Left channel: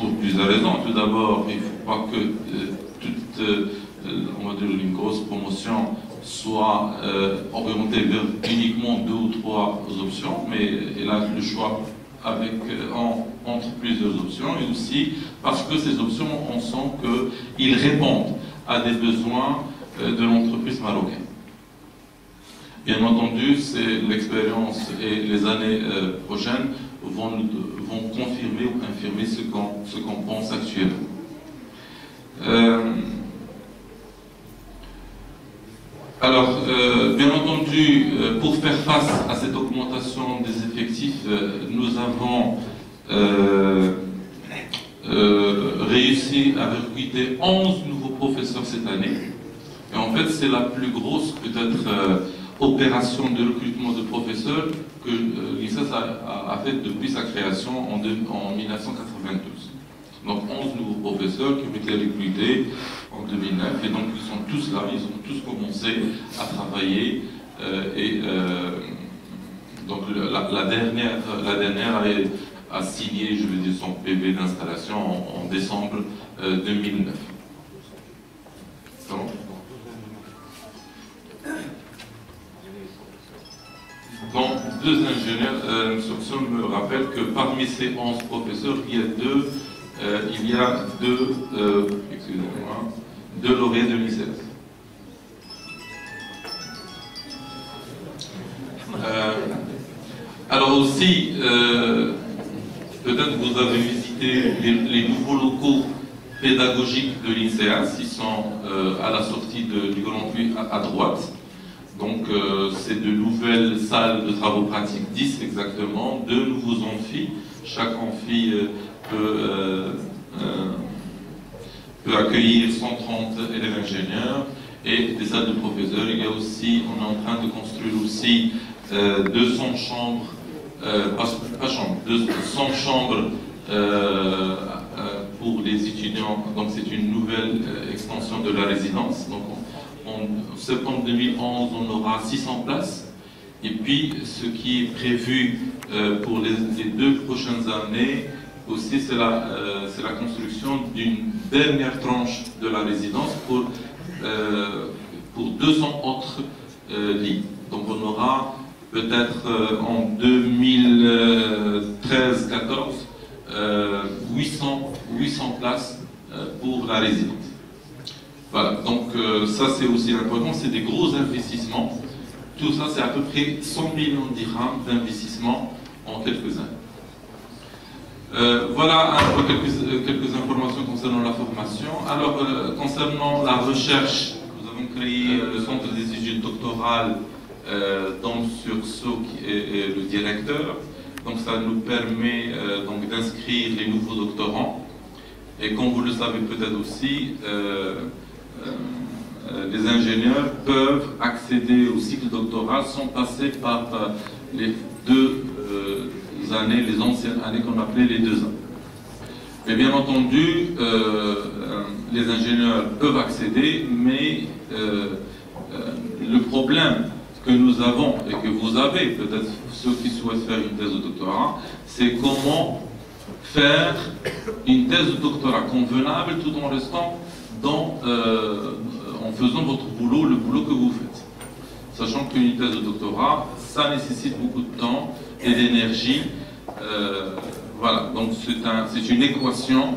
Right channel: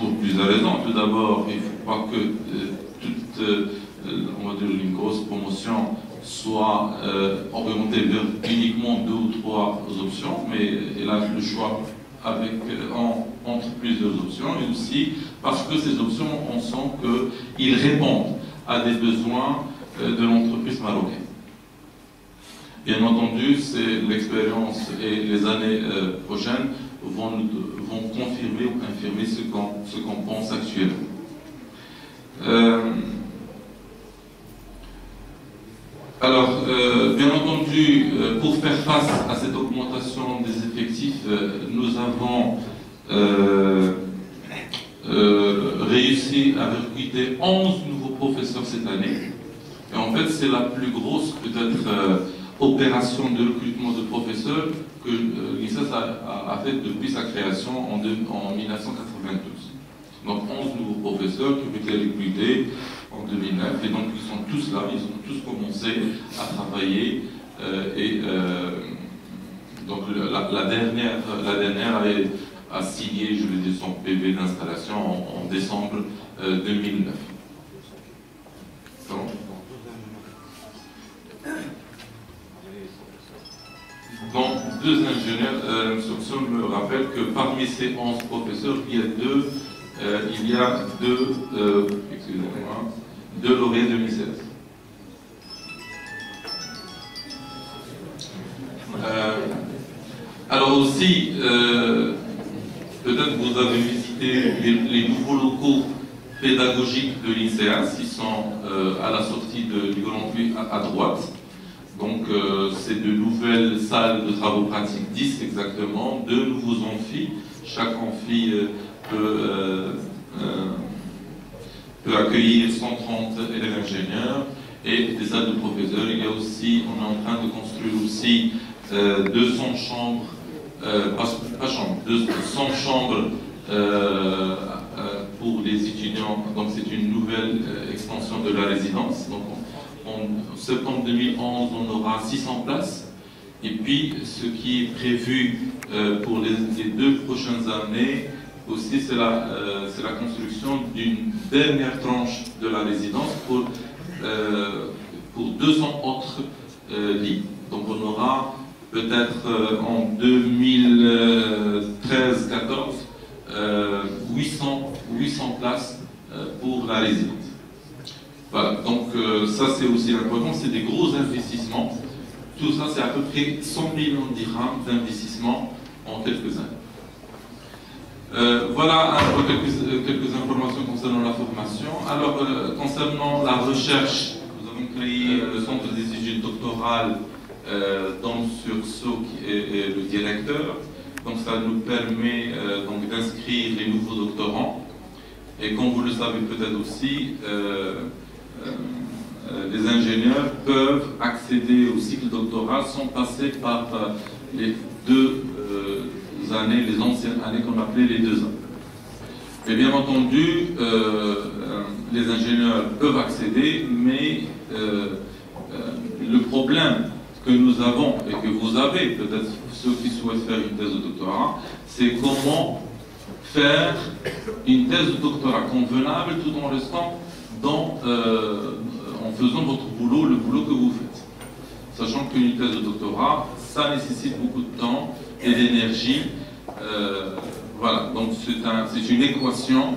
pour plusieurs raisons. Tout d'abord, il ne faut pas que toute on va dire une grosse promotion soit orientée vers uniquement 2 ou 3 options, mais elle a le choix avec, entre plusieurs options, et aussi parce que ces options, on sent qu'ils répondent à des besoins de l'entreprise marocaine. Bien entendu, c'est l'expérience et les années prochaines vont confirmer ou infirmer ce qu'on pense actuellement. Alors, bien entendu, pour faire face à cette augmentation des effectifs, nous avons réussi à recruter 11 nouveaux professeurs cette année. Et en fait, c'est la plus grosse, peut-être, opération de recrutement de professeurs que l'ICES a faite depuis sa création en 1992. Donc 11 nouveaux professeurs qui ont été recrutés en 2009, et donc ils sont tous là, ils ont tous commencé à travailler, donc la dernière a signé, je veux dire, son PV d'installation en décembre 2009. Donc, 2 ingénieurs, l'instruction me rappelle que parmi ces 11 professeurs, il y a deux lauréats de l'ICES. Alors aussi, peut-être vous avez visité les nouveaux locaux pédagogiques de l'INSEAD, qui sont à la sortie du Grand Puy à droite. Donc, c'est de nouvelles salles de travaux pratiques, 10 exactement, 2 nouveaux amphis. Chaque amphi peut accueillir 130 élèves ingénieurs et des salles de professeurs. Il y a aussi, on est en train de construire aussi 200 chambres, pas chambres, 200 chambres pour les étudiants. Donc, c'est une nouvelle extension de la résidence. Donc, en septembre 2011, on aura 600 places. Et puis, ce qui est prévu pour les 2 prochaines années aussi, c'est la construction d'une dernière tranche de la résidence pour 200 autres lits. Donc, on aura peut-être en 2013-14 800 places pour la résidence. Voilà, donc ça c'est aussi important, c'est des gros investissements. Tout ça c'est à peu près 100 millions de dirhams d'investissement en quelques années. Voilà un peu quelques informations concernant la formation. Alors, concernant la recherche, nous avons créé le centre des études doctorales dans Sursaut qui est le directeur. Donc ça nous permet donc d'inscrire les nouveaux doctorants. Et comme vous le savez peut-être aussi, les ingénieurs peuvent accéder au cycle doctoral sans passer par les 2 années, les anciennes années qu'on appelait les 2 ans. Et bien entendu, les ingénieurs peuvent accéder, mais le problème que nous avons et que vous avez, peut-être ceux qui souhaitent faire une thèse de doctorat, c'est comment faire une thèse de doctorat convenable tout en restant en faisant votre boulot, le boulot que vous faites. Sachant qu'une thèse de doctorat, ça nécessite beaucoup de temps et d'énergie. Voilà, donc c'est une équation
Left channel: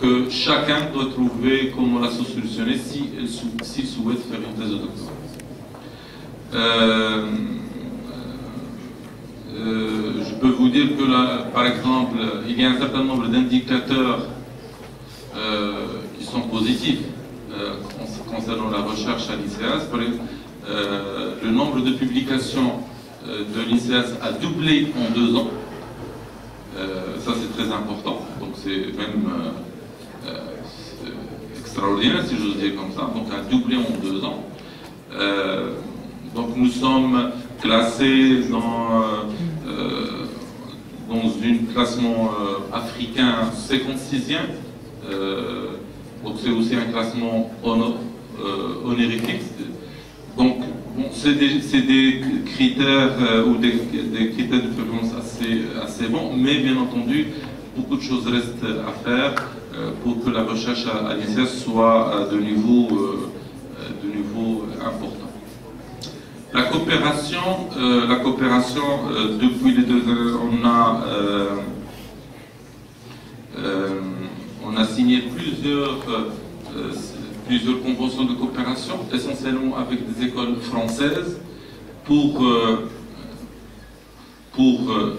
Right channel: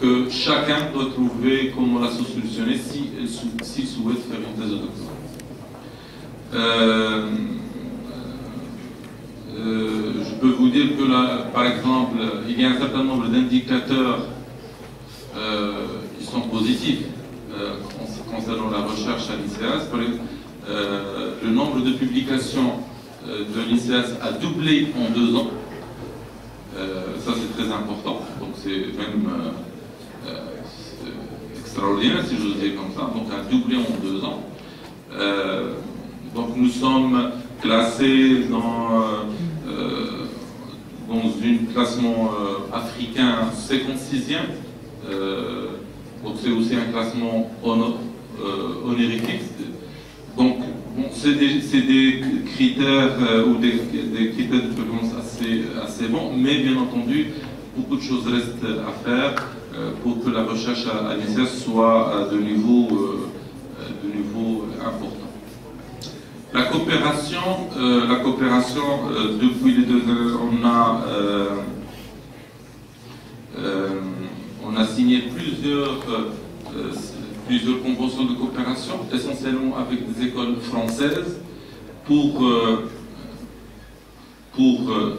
que chacun doit trouver comment la solutionner s'il souhaite faire une thèse de doctorat. Je peux vous dire que là, par exemple, il y a un certain nombre d'indicateurs qui sont positifs concernant la recherche à l'ICES. Le nombre de publications de l'ICES a doublé en 2 ans. Ça c'est très important, donc c'est même extraordinaire si j'ose dire comme ça, donc a doublé en 2 ans. Donc nous sommes classés dans un classement africain 56e, donc c'est aussi un classement honorifique. Donc bon, c'est des critères ou des critères de performance assez bons, mais bien entendu beaucoup de choses restent à faire pour que la recherche à l'INSERS soit de niveau important. La coopération, depuis les 2 ans, on a signé plusieurs conventions de coopération, essentiellement avec des écoles françaises, pour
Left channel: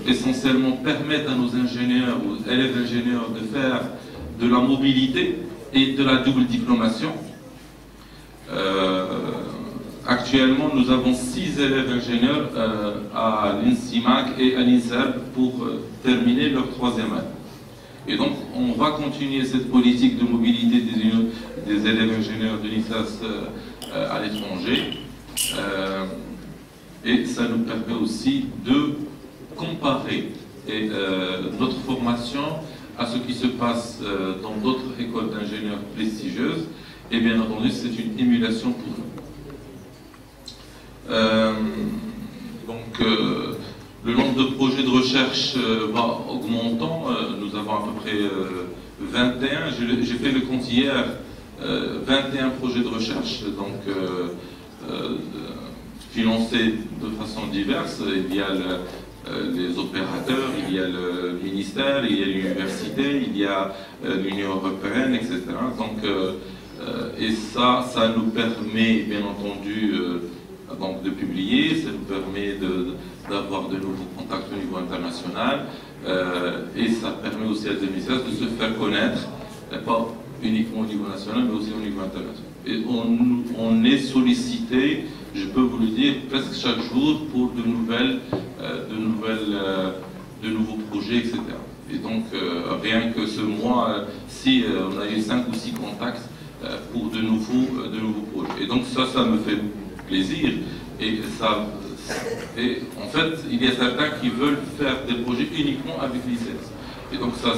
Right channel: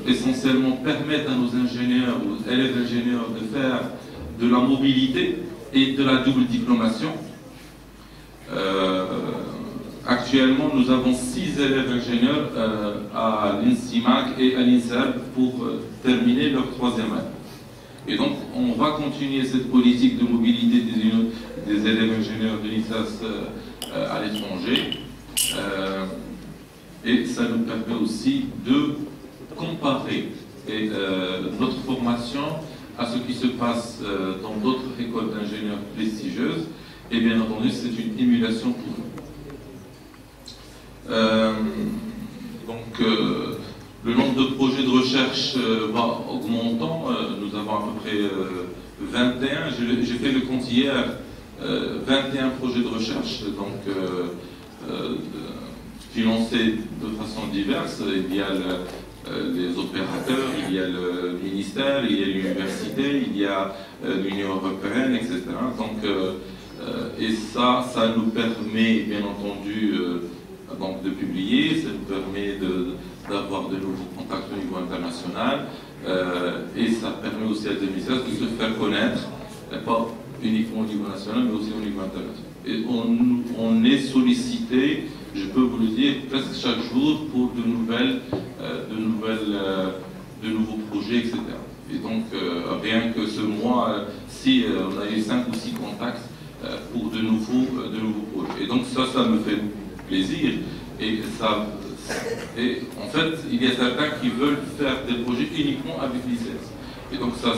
essentiellement permettre à nos ingénieurs, aux élèves ingénieurs de faire de la mobilité et de la double diplomation. Actuellement, nous avons 6 élèves ingénieurs à l'INSIMAC et à l'INSERB pour terminer leur 3e année. Et donc, on va continuer cette politique de mobilité des élèves ingénieurs de l'INSERB à l'étranger. Et ça nous permet aussi de comparer notre formation à ce qui se passe dans d'autres écoles d'ingénieurs prestigieuses. Et bien entendu, c'est une émulation pour nous. Le nombre de projets de recherche va augmentant. Nous avons à peu près 21. J'ai fait le compte hier, 21 projets de recherche, donc financés de façon diverse. Il y a les opérateurs, il y a le ministère, il y a l'université, il y a l'Union européenne, etc. Donc, et ça nous permet, bien entendu, donc de publier, ça nous permet d'avoir de nouveaux contacts au niveau international, et ça permet aussi à l'INSERB de se faire connaître, pas uniquement au niveau national, mais aussi au niveau international. Et on est sollicité, je peux vous le dire, presque chaque jour pour de nouveaux projets, etc. Et donc, rien que ce mois, si on a eu 5 ou 6 contacts pour de nouveaux projets. Et donc ça me fait plaisir. Et en fait, il y a certains qui veulent faire des projets uniquement avec l'INSERS. Et donc ça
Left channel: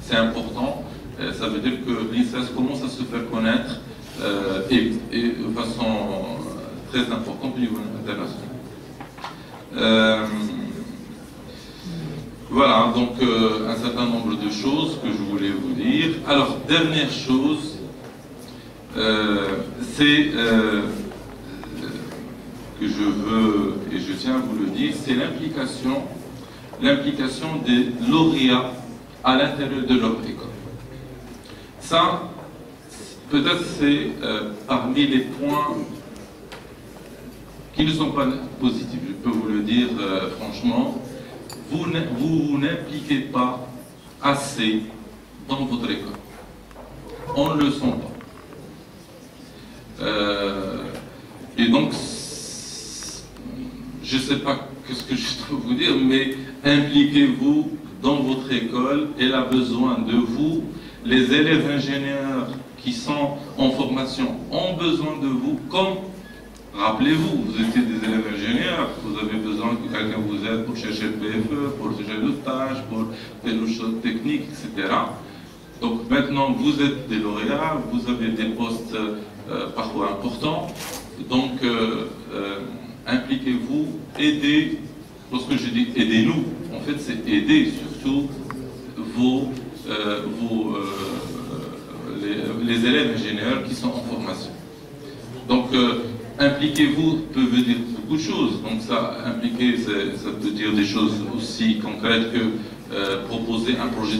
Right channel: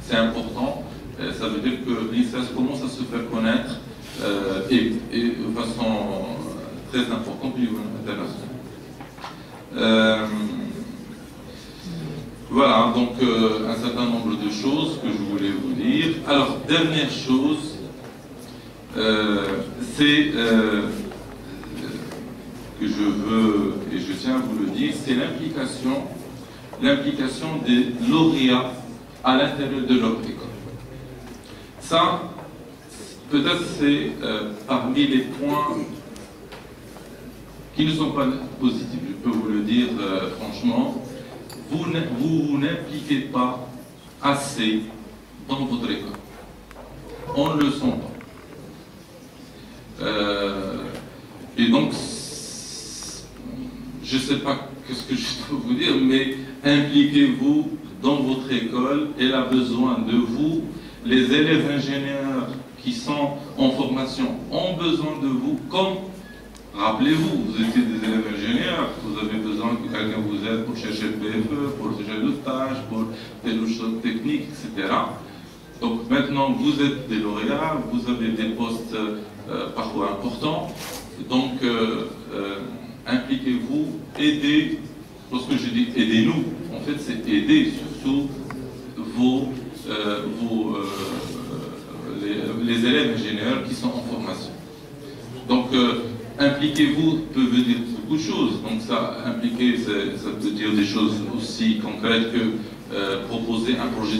c'est important. Ça veut dire que l'INSERS commence à se faire connaître et de façon très importante au niveau international. Voilà, donc un certain nombre de choses que je voulais vous dire. Alors, dernière chose, c'est que je veux, et je tiens à vous le dire, c'est l'implication des lauréats à l'intérieur de leur école. Ça, peut-être c'est parmi les points qui ne sont pas positifs, je peux vous le dire franchement. Vous n'impliquez pas assez dans votre école. On ne le sent pas. Et donc, je ne sais pas ce que je dois vous dire, mais impliquez-vous dans votre école. Elle a besoin de vous. Les élèves ingénieurs qui sont en formation ont besoin de vous. Comme, rappelez-vous, vous étiez des élèves ingénieurs, vous avez besoin que quelqu'un vous aide pour chercher le PFE, pour chercher le stage, pour telle ou chose technique, etc. Donc maintenant, vous êtes des lauréats, vous avez des postes parfois importants. Donc, impliquez-vous, aidez. Lorsque je dis aidez-nous, en fait, c'est aider surtout les élèves ingénieurs qui sont en formation. Donc, impliquez-vous peut veut dire beaucoup de choses. Donc, ça, impliquer, ça peut dire des choses aussi concrètes que proposer un projet